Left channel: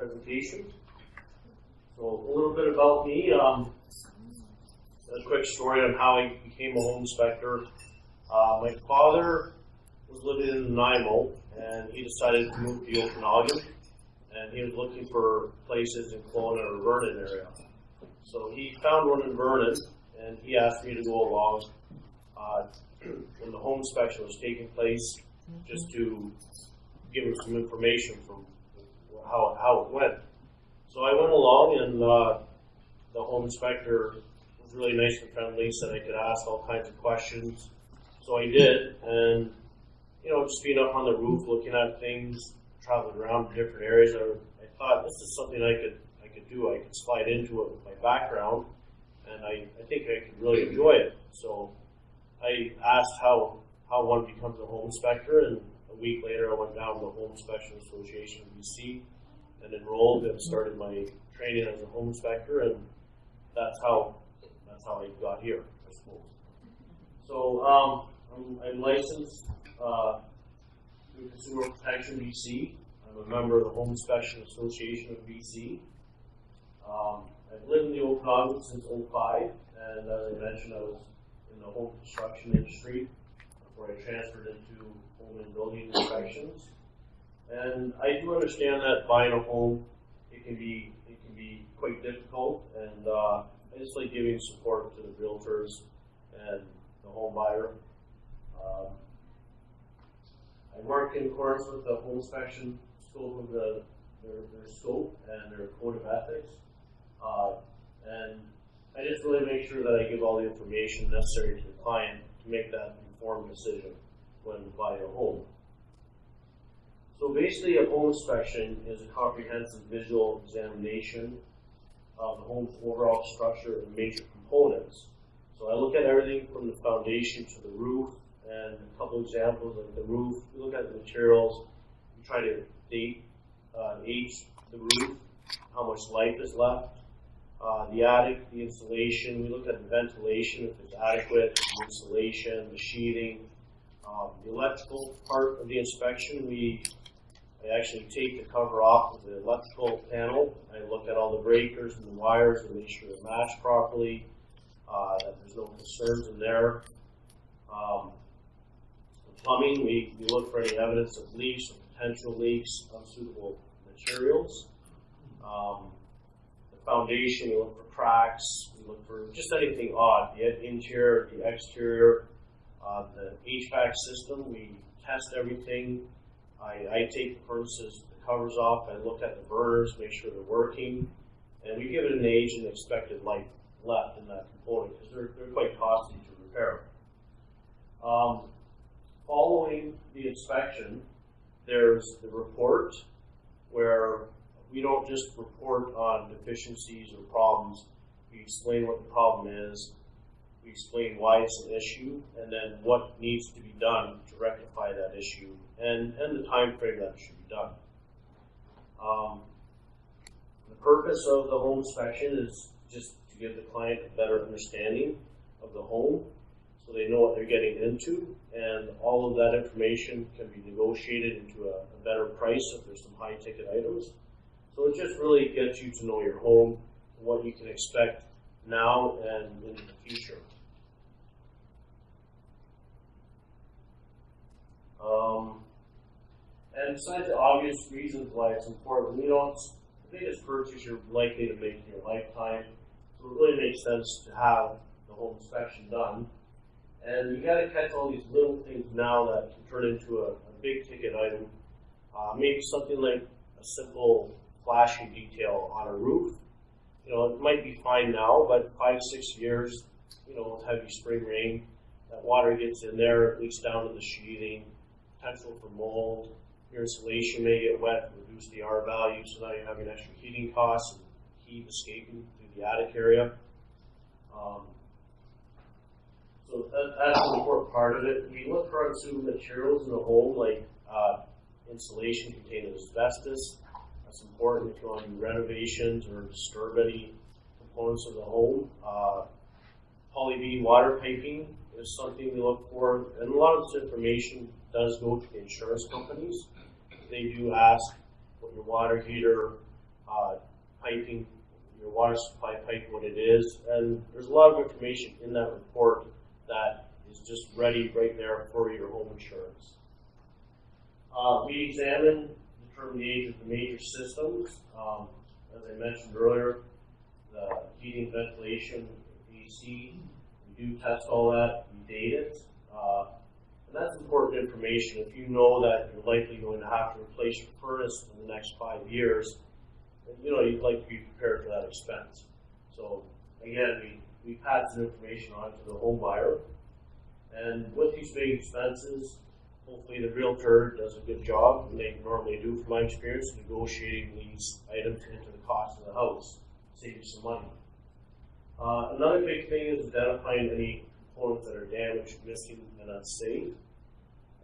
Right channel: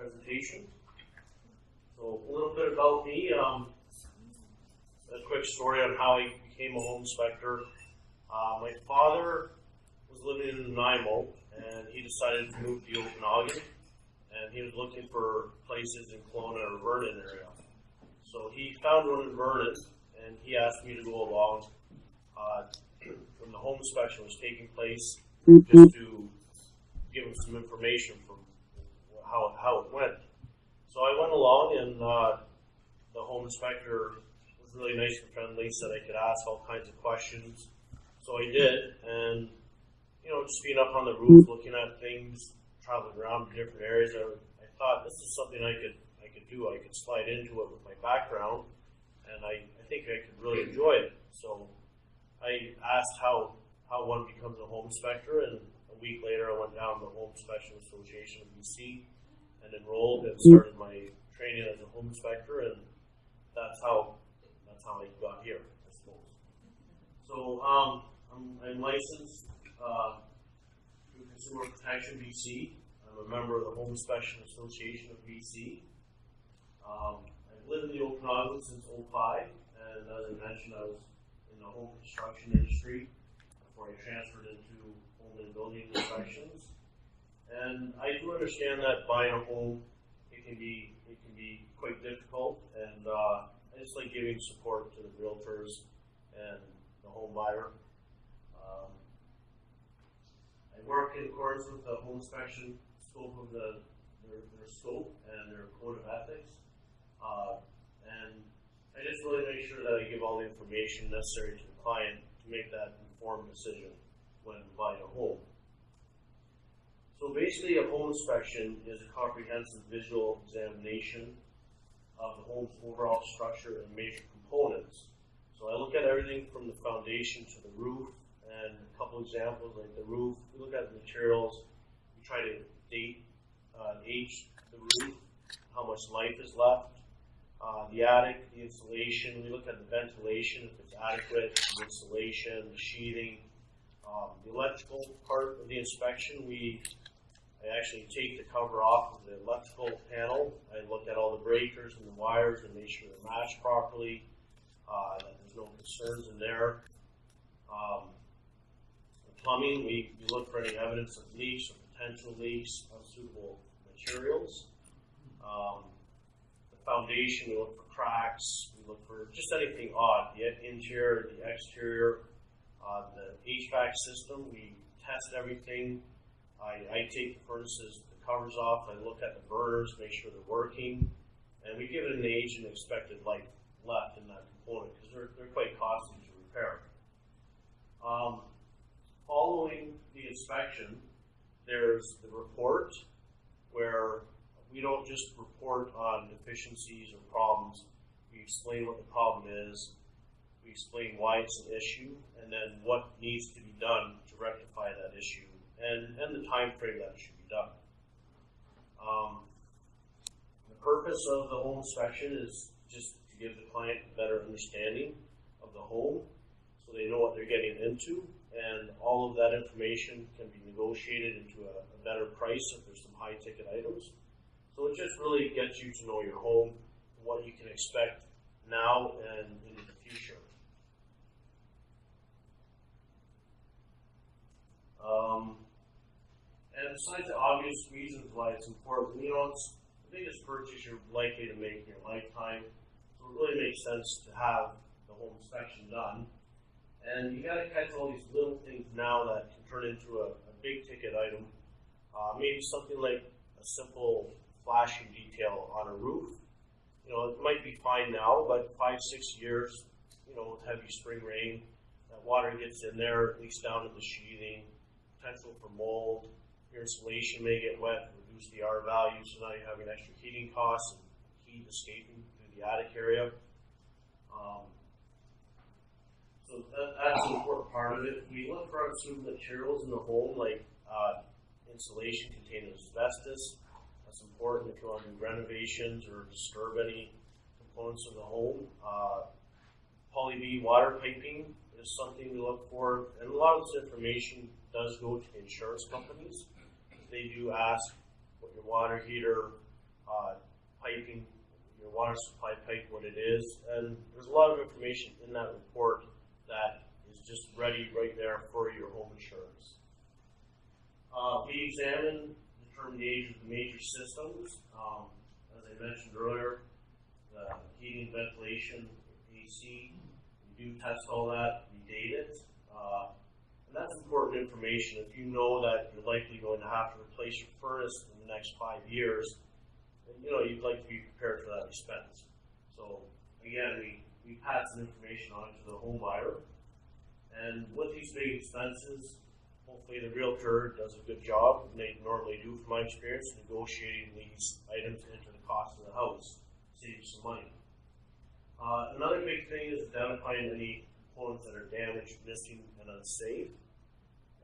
presentation. So a little bit about me. A quick story on how I became a home inspector. My father was living in Nanaimo, and he decided to move to the Okanagan, and he was looking for places in Kelowna or Vernon area. So he found one in Vernon, and he asked me to go along when the home inspection was taking place, just to give him some information from how it went. So I went along, and the home inspector was really nice and friendly, said I could ask all kinds of questions. So I did, and just being up on the roof, looking at things, traveling around different areas, I thought this is something I could do. I could slide into it with my background, and I think I could really enjoy it. So I asked how one becomes a home inspector, and a week later I went down to the Home Inspection Association of BC and enrolled and started my training as a home inspector, and that's how I got here, I suppose. So I'm licensed through Consumer Protection BC. I'm a member of the Home Inspection Association of BC. I've lived in the Okanagan since '05, and as I mentioned, I was in the home construction industry before I transferred into home and building inspections. And I do understand that buying a home, it can be quite difficult, and I just like giving support to the realtors and the home buyer. I work in accordance with the home inspection scope of their scope and their code of ethics. And I just really make sure that I give all the information necessary to the client to make that informed decision when buying a home. So basically, a home inspection is a comprehensive visual examination of the home's overall structure and major components. So I look at everything from the foundation to the roof, and a couple examples like the roof. We look at the materials. We try to date, age the roof, how much life is left. The attic, the insulation. We look at the ventilation, if it's adequate, the insulation, the sheathing. The electrical part of the inspection, I actually take the cover off of the electrical panel. I look at all the breakers and the wires and make sure they're matched properly, that there's no concerns in there. The plumbing, we look for any evidence of leaks or potential leaks, unsuitable materials. The foundation, we look for cracks, we look for just anything odd, the interior, the exterior, the HVAC system, we test everything. I take the furnaces, the covers off, I look at the burners, make sure they're working, and we give it an age and expected life left in that component because they're quite costly to repair. Following the inspection, there's the report where we don't just report on deficiencies or problems. We explain what the problem is, we explain why it's an issue, and then what needs to be done to rectify that issue, and the time frame that it should be done. The purpose of the home inspection is just to give the client a better understanding of the home so they know what they're getting into, and all of that information can be negotiated into a better price if there's some high ticket items. So it just really gets you to know your home, what you can expect now and into the future. And besides the obvious reasons why it's important, it's the biggest purchase you're likely to make in your lifetime, so it really makes sense to have the home inspection done. And you got to catch all these little things now that can turn into a big ticket item. Maybe something like a simple flashing detail on a roof. It might be fine now, but 5-6 years, with heavy spring rain, that water gets in there, it leaks down to the sheathing, potential for mold. Your insulation may get wet, reduce the R value, so now you're having extra heating costs and heat escaping through the attic area. So that's an important part of it. We look for unsuitable materials in the home, like insulation containing asbestos. That's important if you want to do renovations or disturb any components of the home. Poly-B water piping is something we look for, and a lot of this information does go to the insurance companies. They do ask what your water heater piping, your water supply pipe, what it is, and there's a lot of information in that report that is just ready right there for your home insurance. We determine the age of the major systems. As I mentioned earlier, the heating, ventilation, AC, we do test all that, we date it, and that's important information. If you know that you're likely going to have to replace your furnace in the next 5 years, then you'd like to be prepared for that expense. So again, we pass some information on to the home buyer, and with these big expenses, hopefully the realtor does a good job, and they normally do from my experience, negotiating these items into the cost of the house, saving some money. Another big thing is identifying any components that are damaged, missing, and unsafe.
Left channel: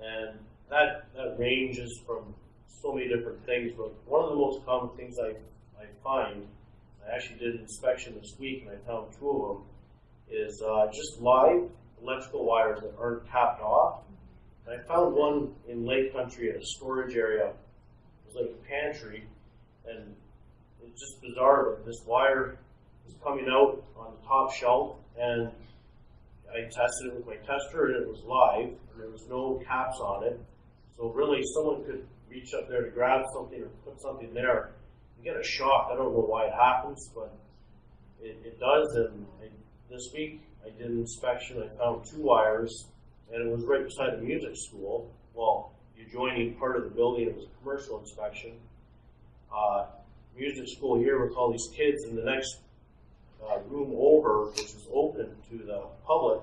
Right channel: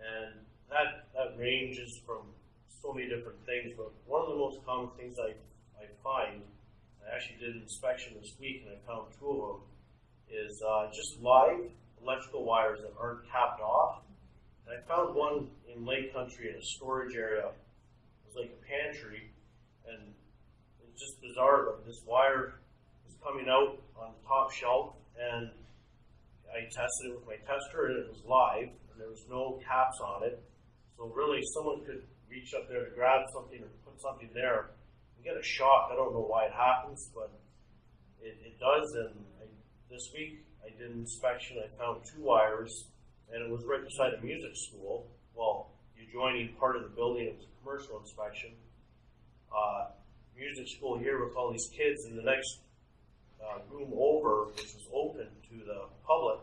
And that ranges from so many different things, but one of the most common things I find, I actually did an inspection this week and I found 2 of them, is just live electrical wires that aren't capped off. And I found one in Lake Country in a storage area. It was like a pantry, and it's just bizarre, but this wire was coming out on the top shelf, and I tested it with my tester, and it was live, and there was no caps on it. So really, someone could reach up there to grab something or put something there and get a shock. I don't know why it happens, but it does. And this week, I did an inspection. I found 2 wires, and it was right beside a music school. Well, the adjoining part of the building, it was a commercial inspection. Music school here with all these kids, and the next room over, which was open to the public,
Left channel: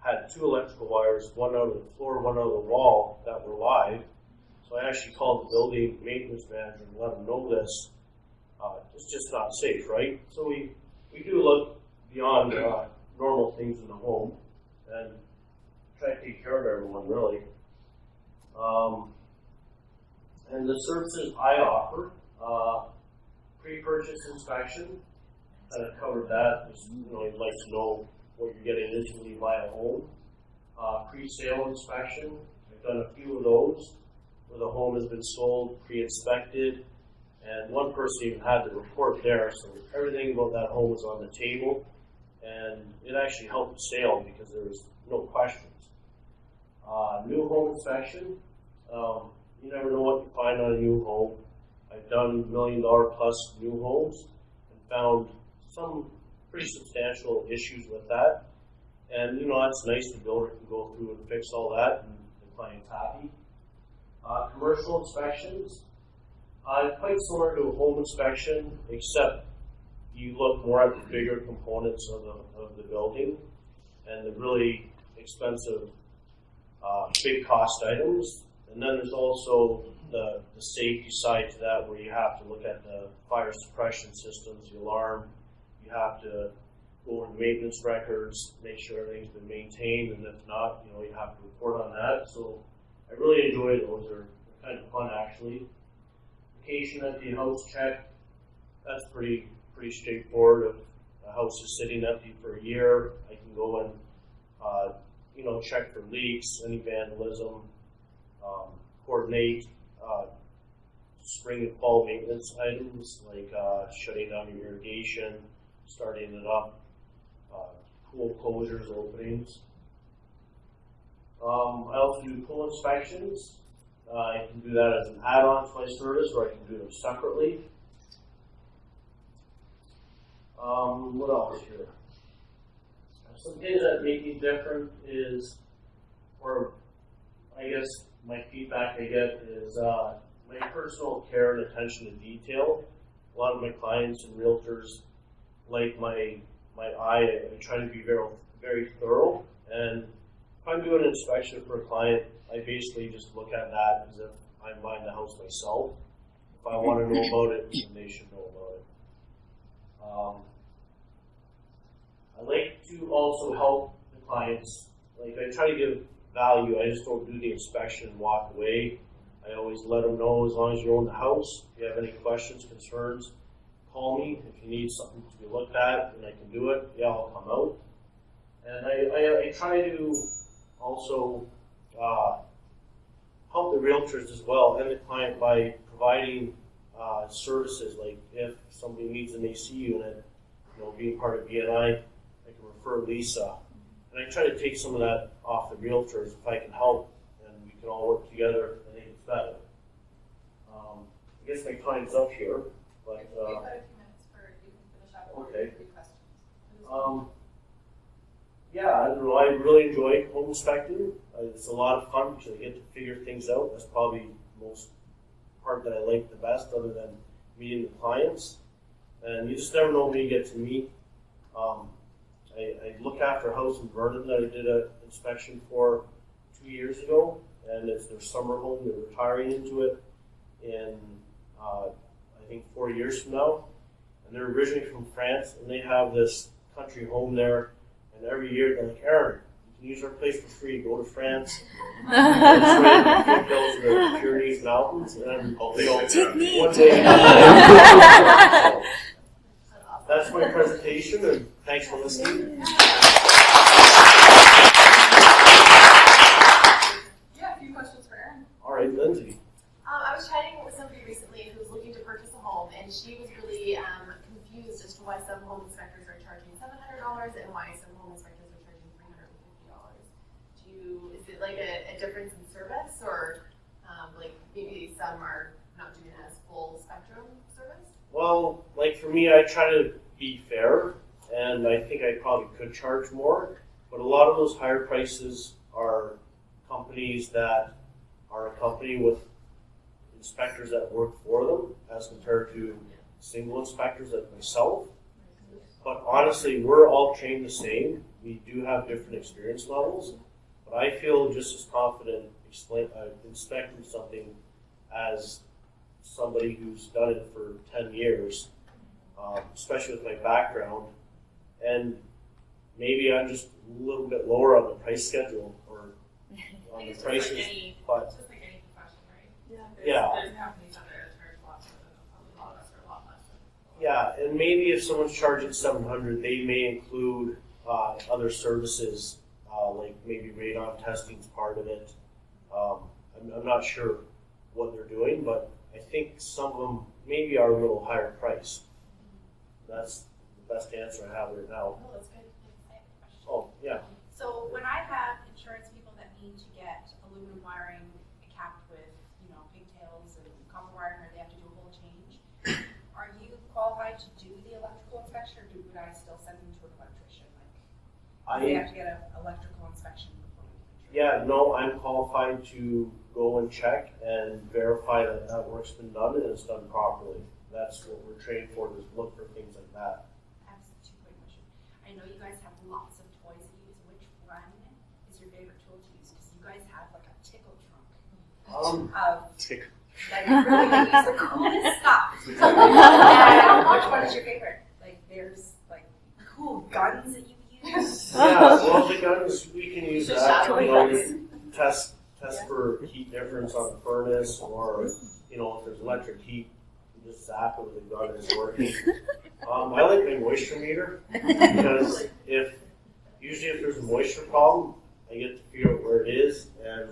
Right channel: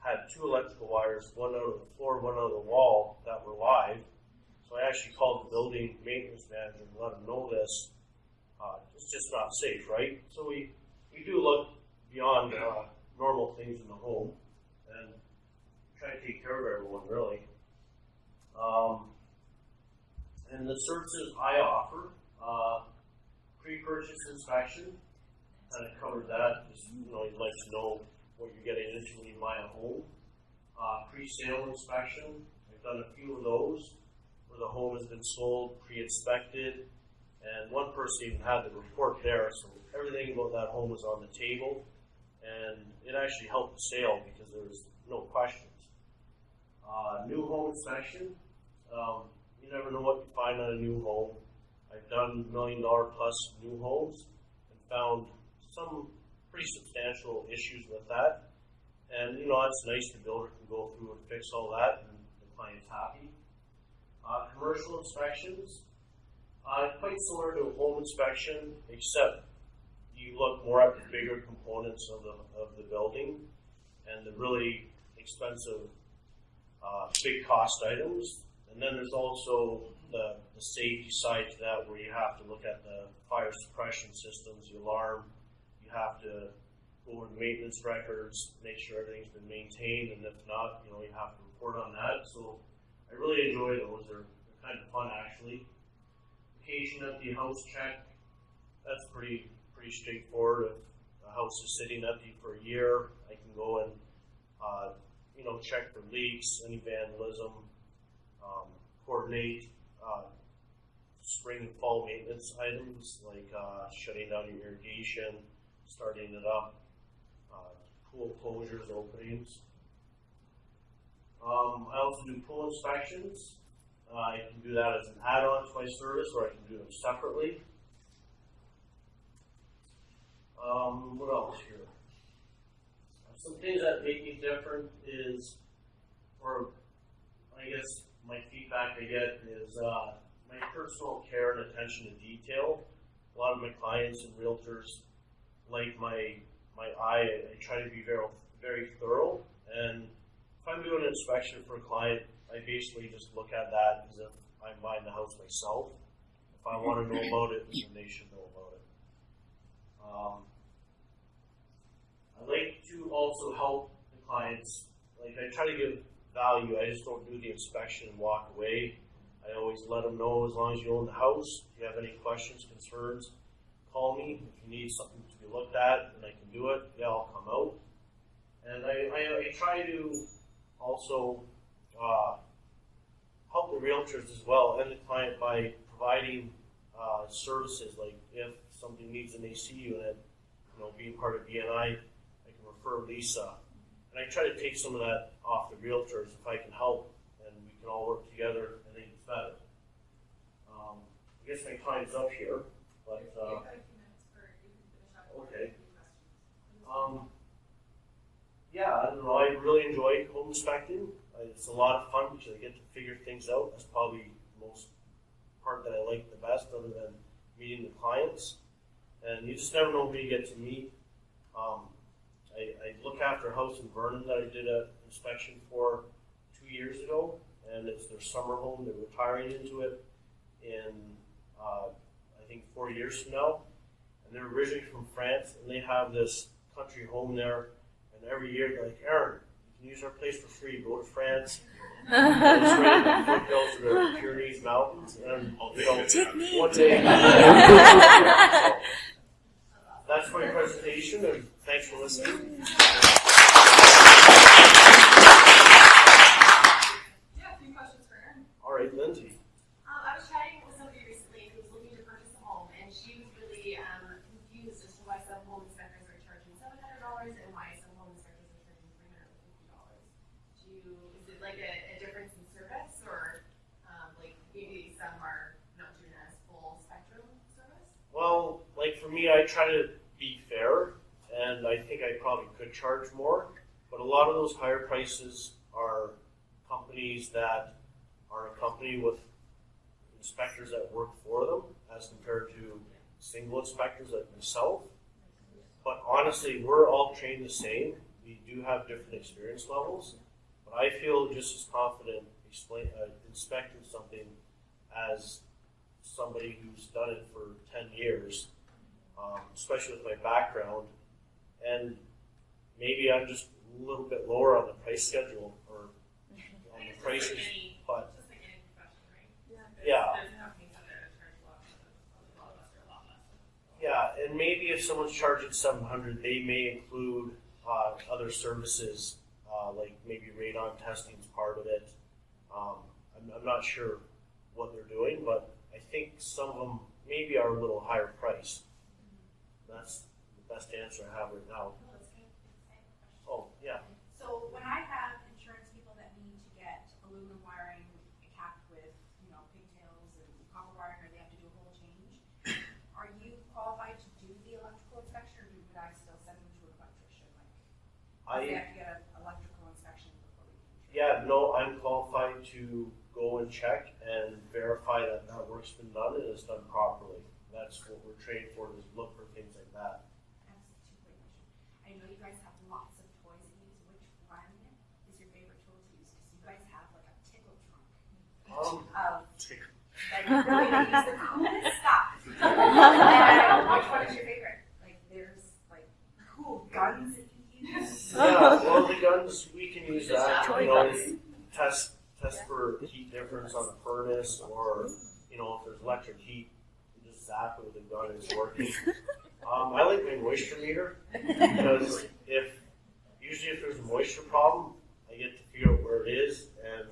had 2 electrical wires, one out of the floor, one out of the wall, that were live. So I actually called the building maintenance manager and let him know this. It's just not safe, right? So we do look beyond normal things in the home and try to take care of everyone, really. And the services I offer, pre-purchase inspection, kind of covered that. Just, you'd like to know what you're getting into when you buy a home. Pre-sale inspection, I've done a few of those where the home has been sold, pre-inspected, and one person even had the report there, so everything about that home was on the table, and it actually helped the sale because there was no questions. New home inspection, you never know what you find on a new home. I've done $1 million plus new homes and found some pretty substantial issues with that. And that's nice, the builder can go through and fix all that and the client's happy. Commercial inspections, quite similar to a home inspection, except you look more at the bigger components of the building and the really expensive big cost items. And then there's also the safety side to that, where you have to look at the fire suppression systems, the alarm. You have to go over the maintenance records, make sure everything's been maintained, and if not, you have to report on that. So I really enjoy those. They're kind of fun, actually. Vacation empty house check, that's pretty straightforward. If a house is sitting empty for a year, I can go and check for leaks, any vandalism, coordinate spring and fall maintenance items like shutting down your irrigation, starting it up, pool closures, openings. I also do pool inspections. I can do that as an add-on to my service, or I can do them separately. What else here? Some things that make me different is, or I guess my feedback I get is my personal care and attention to detail. A lot of my clients and realtors like my eye. I try to be very, very thorough, and if I'm doing an inspection for a client, I basically just look at that as if I'm buying the house myself. If I want to know about it, then they should know about it. I like to also help the clients. Like, I try to give value. I just don't do the inspection and walk away. I always let them know, as long as you own the house, if you have any questions, concerns, call me. If you need something to be looked at and I can do it, yeah, I'll come out. And I try to also help the realtors as well and the client by providing services, like if somebody needs an AC unit, being part of BNI, I can refer Lisa. And I try to take some of that off the realtors if I can help, and we can all work together. I think it's better. I guess my time's up here, but You've got a few minutes for you can finish up. Okay. 3 questions. Yeah, I don't know. I really enjoy home inspecting. It's a lot of fun because I get to figure things out. That's probably the most part that I like the best, other than meeting the clients. And you just never know who you get to meet. I look after a house in Vernon that I did an inspection for 2 years ago, and it's their summer home. They're retiring into it in I think 4 years from now. And they're originally from France, and they have this country home there. And every year they're like, Aaron, you can use our place for free. Go to France. It's right in the foothills of the Pyrenees Mountains, and one day. That's my presentation, and thanks for listening. Yeah, a few questions for Aaron. All right, Lindsay. I was chatting with somebody recently who was looking to purchase a home, and she was really confused as to why some home inspectors are charging $700 and why some home inspectors are charging $350. Is it like a difference in service, or like maybe some are not doing as full spectrum service? Well, like for me, I try to be fair, and I think I probably could charge more, but a lot of those higher prices are companies that are a company with inspectors that work for them, as compared to single inspectors like myself. But honestly, we're all trained the same. We do have different experience levels, but I feel just as confident inspecting something as somebody who's done it for 10 years, especially with my background. And maybe I'm just a little bit lower on the price schedule, or on the prices, but Just like any profession, right? yeah. There's companies out there that charge lots, a lot of us are a lot less. Yeah, and maybe if someone's charging $700, they may include other services, like maybe radon testing is part of it. I'm not sure what they're doing, but I think some of them maybe are a little higher priced. That's the best answer I have right now. Oh, that's good. Oh, yeah. So when I have insurance people that need to get aluminum wiring capped with, pigtails and copper wiring, or they have to do a whole change, are you qualified to do the electrical inspection, or would I still send them to an electrician? They have to get an electrical inspection before we can. Yeah, no, I'm qualified to go and check and verify that that work's been done and it's done properly. That's what we're trained for, is look for things like that. I have 2 quick questions. I know you guys have lots of toys that you use. Which one is your favorite tool to use? Because you guys have like a tickle trunk that you really can use the coolest stuff. And which one is your favorite? Like, there's like cool guns that you use. Yeah, well, the guns, we can use that, test for heat difference on a furnace, or, if there's electric heat, you just zap it with a gun and it's working. I like my moisture meter, because usually if there's a moisture problem, I get to figure out where it is, and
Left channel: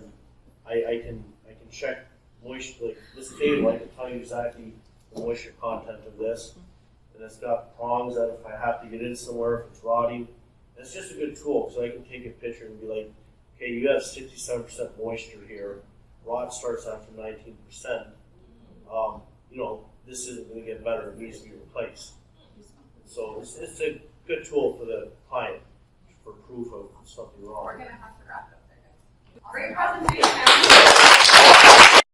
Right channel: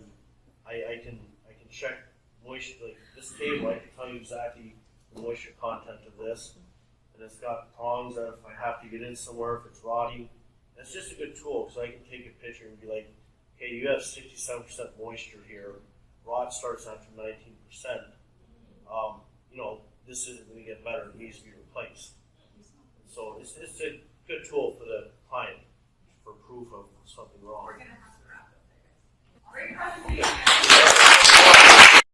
I can check moisture, like this table, I can tell you exactly the moisture content of this, and it's got prongs that if I have to get in somewhere, if it's rotting, it's just a good tool, because I can take a picture and be like, okay, you have 67% moisture here, rot starts after 19%, this isn't going to get better, it needs to be replaced. So it's a good tool for the client, for proof of something wrong. We're going to have to wrap up there, guys. Great presentation.